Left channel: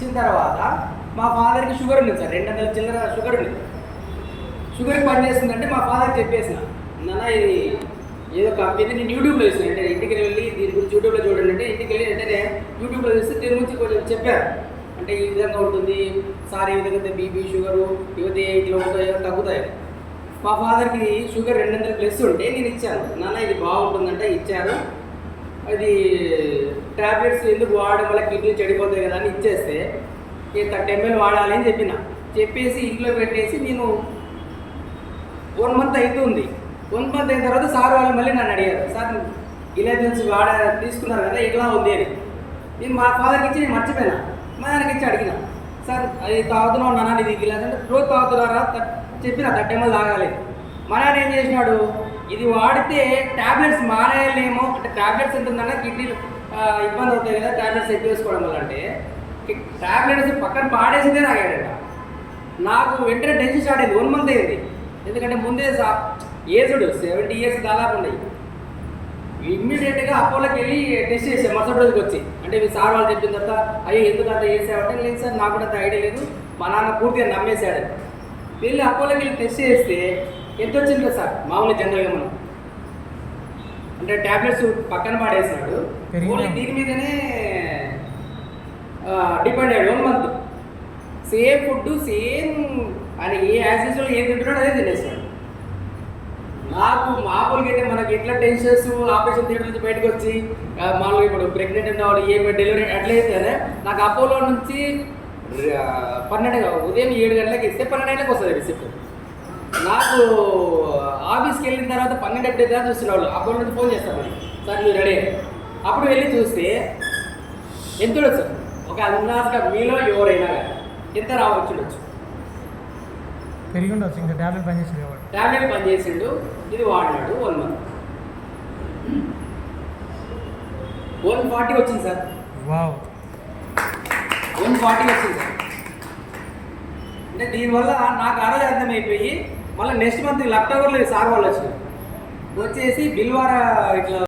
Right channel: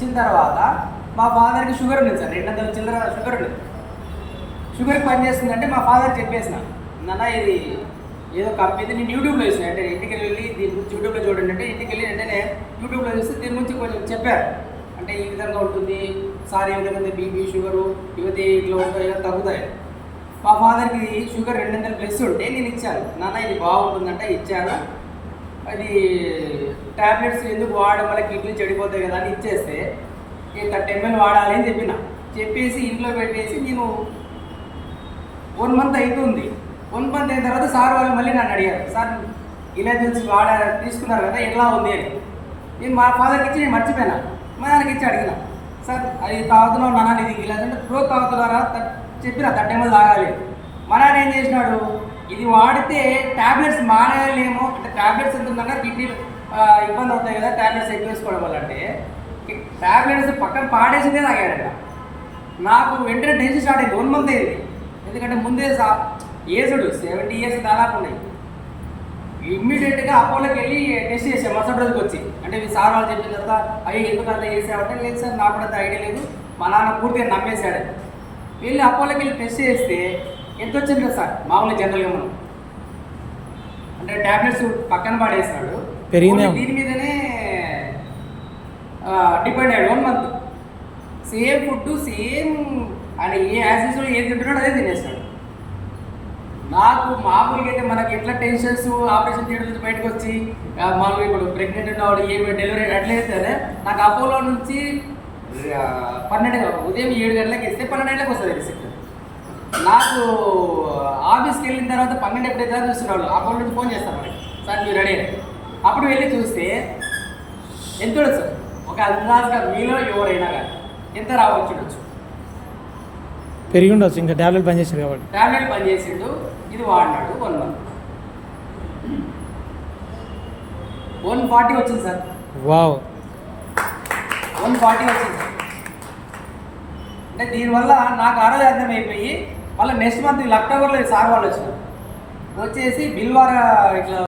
ఇచ్చిన తర్వాత మా ఫాదర్కి షుగర్ ఉంది సార్. రెండు వందల చిల్లర షుగర్ ఉంది. షుగర్ పని చేస్తుందంటే మా ఫాదర్ చెప్పేసిన నాన్న ఇది ఏదో కంపెనీ నేను యూట్యూబ్లో చూసిన. అంటే ఇంటికి వెళ్ళి దీని గురించి యూట్యూబ్లో చూడండి అంటే ఇంటికి వెళ్ళి వెంటనే యూట్యూబ్లో చూస్తే దీని గురించి కొంచెం చెప్పారు. అంటే ఈ విధంగా ఉంటుంది సార్ ఏ విధంగా బీపీ షుగరు ఇవతే ఇట్లా ఉంటాయో తగ్గుతాయి? మా ఫాదర్కి షుగర్ రెండు వందల ప్లస్ ఉంటే నేను ఇచ్చాను. నాన్న ఇది బాగుంటుందంటే ఇచ్చాను అది టాబ్లెట్స్ ఎందుకు వాడడం వల్ల కిడ్నీ చెడిపోతాయి కదా అని ఇచ్చేస్తే నేను థర్టీ ఎంఎల్ వాడాలి అని చెప్పిన. చెప్పేసి ఇంట్లో పెట్టేసి నేను వన్ మంత్ అవుతుంది వన్ మంత్ అయిన తర్వాత సార్ వాళ్ళు మళ్ళీ నన్ను అడిగారు సార్ ఇలా తెలిసి వాడ తీసుకున్నారు కదా ఎట్లా ఉంది అని. నేను మా ఫాదర్కి ఇచ్చి నేను మర్చిపోయినా. మా నాన్నకి ఇచ్చి అడిగిన. సార్ అది తాగుతున్నావు నాన్న? ఇది ఇలా రోజు తాగుతున్నారా? చెప్పిన థర్టీ ఎంఎల్ తాగాలి. మా నాన్న ఏం చేసినాడు? ఇది వాడితే టాబ్లెట్స్ మానేయలేము. అంటే టాబ్లెట్స్ ఉంటుందంటే కిడ్నీ ఇబ్బంది ఉంటాయి కదా టాబ్లెట్స్ ఎక్కువ వేసుకోవడం వల్ల అంటే టాబ్లెట్స్ పక్కన పాడేసిందే తాగాడట నాకు వెంటనే టెన్షన్ స్టార్ట్ అయింది వన్ మంత్ అయింది. ఎందుకంటే ముందే ఏజ్డ్ సెవెంటీ ఇయర్స్ దాదాపు ఉన్నాయి. ఇమ్మీడియట్గా అపోలోకి వెళ్ళి టెస్ట్ చేసాం మరుసటి రోజుకి వచ్చి. అంటే మీ సార్ వాళ్ళు చెప్పిన తర్వాత అయ్యో ఎందుకు అట్లా చేసామంటే లేదు సార్ నాకు కూడా ఐడియా లేదు. మా నాన్న పూర్తిగా నమ్మేశాడు. వెళ్ళి అపోలోకి వెళ్ళి టెస్ట్ చేస్తే ఎంత వచ్చింది సార్? మామూలు జనరల్ ఏమన్నా అంటే ట్యాబ్లెట్స్ పక్కన పాడేసినాడు. పెరిగినాయి. దీని మీదనే డిపెండ్ అయ్యాడు. One month same food same అని ఏ యాసిడ్స్లో ఏం తింటున్నాడు అదే తినేస్తాడు నాకు మామూలుగా అయితే మనకి ఎట్లా టెన్షన్స్ ఆపరేషన్ థియేటర్ నుంచి బయటకు వచ్చి మామూలుగా ఇప్పుడు ప్రెగ్నెంట్ ఉన్నవాడు ఏ డెలివరీ అట్లయితే నాకు అపోలో నుంచి పన్నెండు ఉదయం ఏడు గంటలకు ఇస్తే పన్నెండు గంటలకు వస్తుంది రిసిప్ట్. నాకు ఆఫీస్కి వెళ్ళిన తర్వాత పన్నెండు ఎప్పుడైతే చూస్తున్నాడు అపోలో నుంచి ఫోన్ చేస్తాను సార్ మీరు రెడీ అప్పుడు వెళ్ళి చూస్తే ఎంత ఉండొచ్చు? సార్ ఒక అందాజుగా మీలో ఎవరైనా కానీ ఎంత రావచ్చు ఉండొచ్చు? పెరిగి ఉండొచ్చు ఇంకా టాబ్లెట్ పనిచేసారు కాబట్టి. టాబ్లెట్ పనిచేసిండు ఇది వాడినాడు వన్ మంత్ వన్ ఫార్టీ వచ్చింది సార్. వావ్. వన్ ఫార్టీ వచ్చింది సార్. అంటే దీనివల్ల నాకు అనాయాసం అయిపోయి మళ్ళీ నెక్స్ట్ మంత్ అక్టోబర్లో సార్ వాళ్ళు వచ్చినారు. వచ్చేసి బిల్వారా ఇట్లా